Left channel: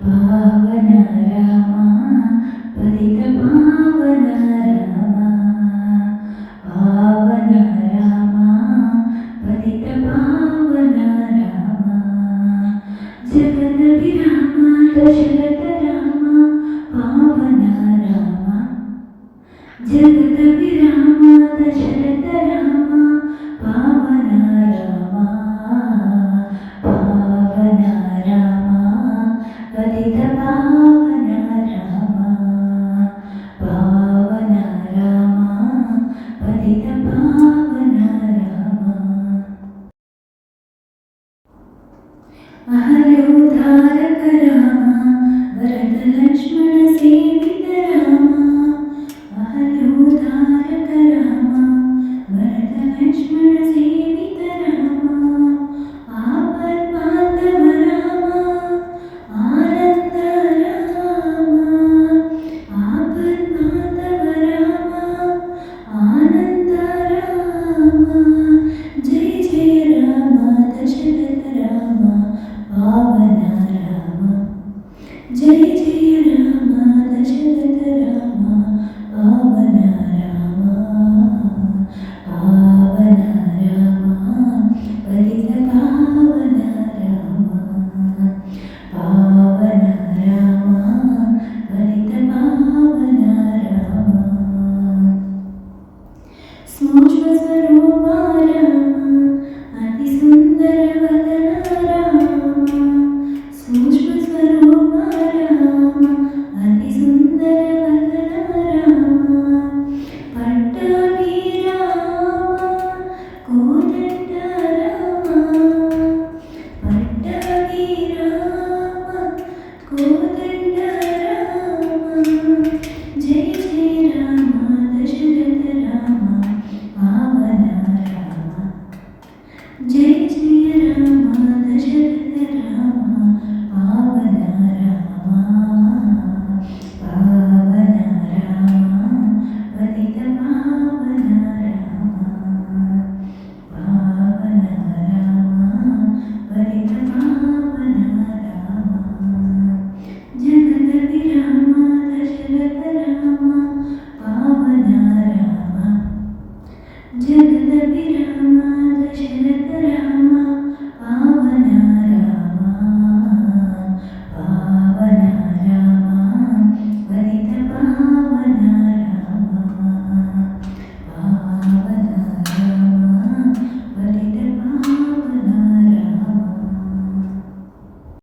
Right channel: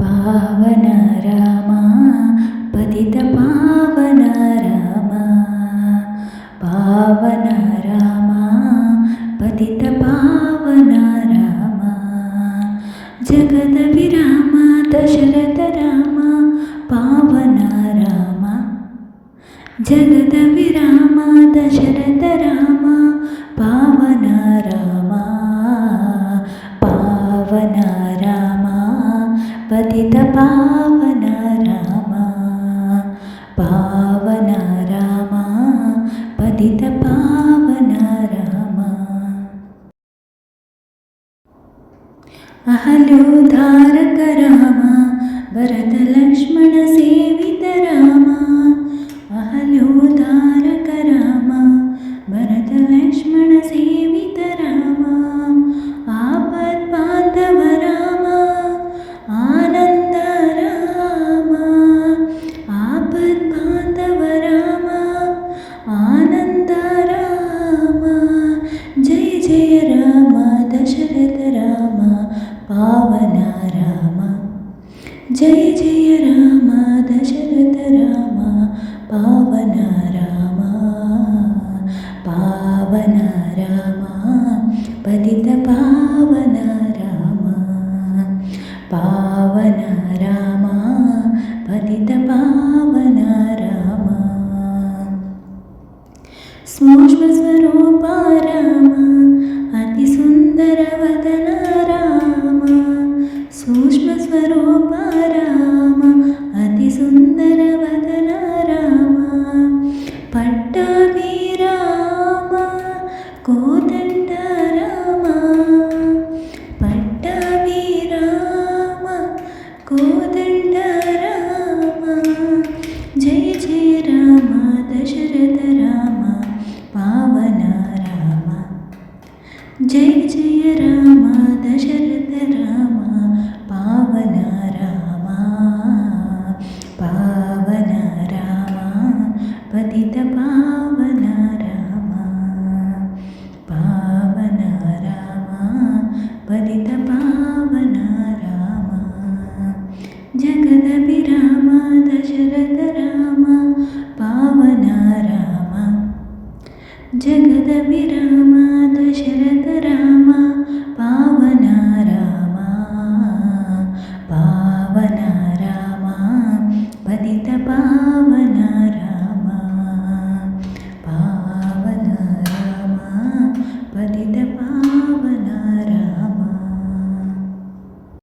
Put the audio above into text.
पावन रामा पतित पावन रामा पावन रामा पतित पावन रामा जगद विराम दशरथ रामा पावन रामा जगद विराम दशरथ रामा पावन रामा पावन रामा पतित पावन रामा पावन रामा पतित पावन रामा अहल्योद्धारक रामा भरत लक्ष्मण सेवित रामा अहल्योद्धारक रामा भरत लक्ष्मण सेवित रामा आपद्बान्धव रामा आनन्द रामा आपद्बान्धव रामा आनन्द रामा जय जय राम दशरथ रामा पावन रामा जय जय राम दशरथ रामा पावन रामा पावन रामा पतित पावन रामा